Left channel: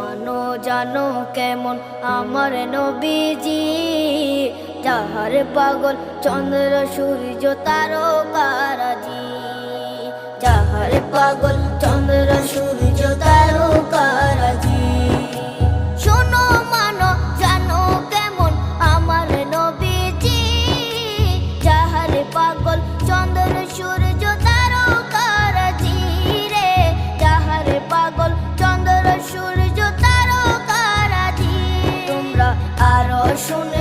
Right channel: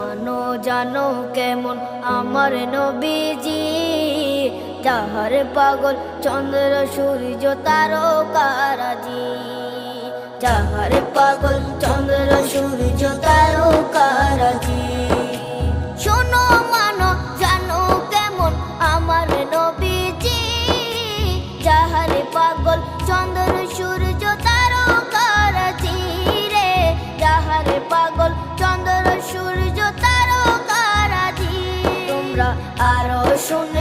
মানো জানো কেমন আমার নবীজি, যাহার পাগল চন্দ্র সূর্য তারকারাজি, যাহার পাগল চন্দ্র সূর্য তারকারাজি। শোনো মানো জানো কেমন আমার নবীজি, যাহার পাগল চন্দ্র সূর্য তারকারাজি রে, যাহার পাগল চন্দ্র সূর্য তারকারাজি। তোমরা আরো শুনে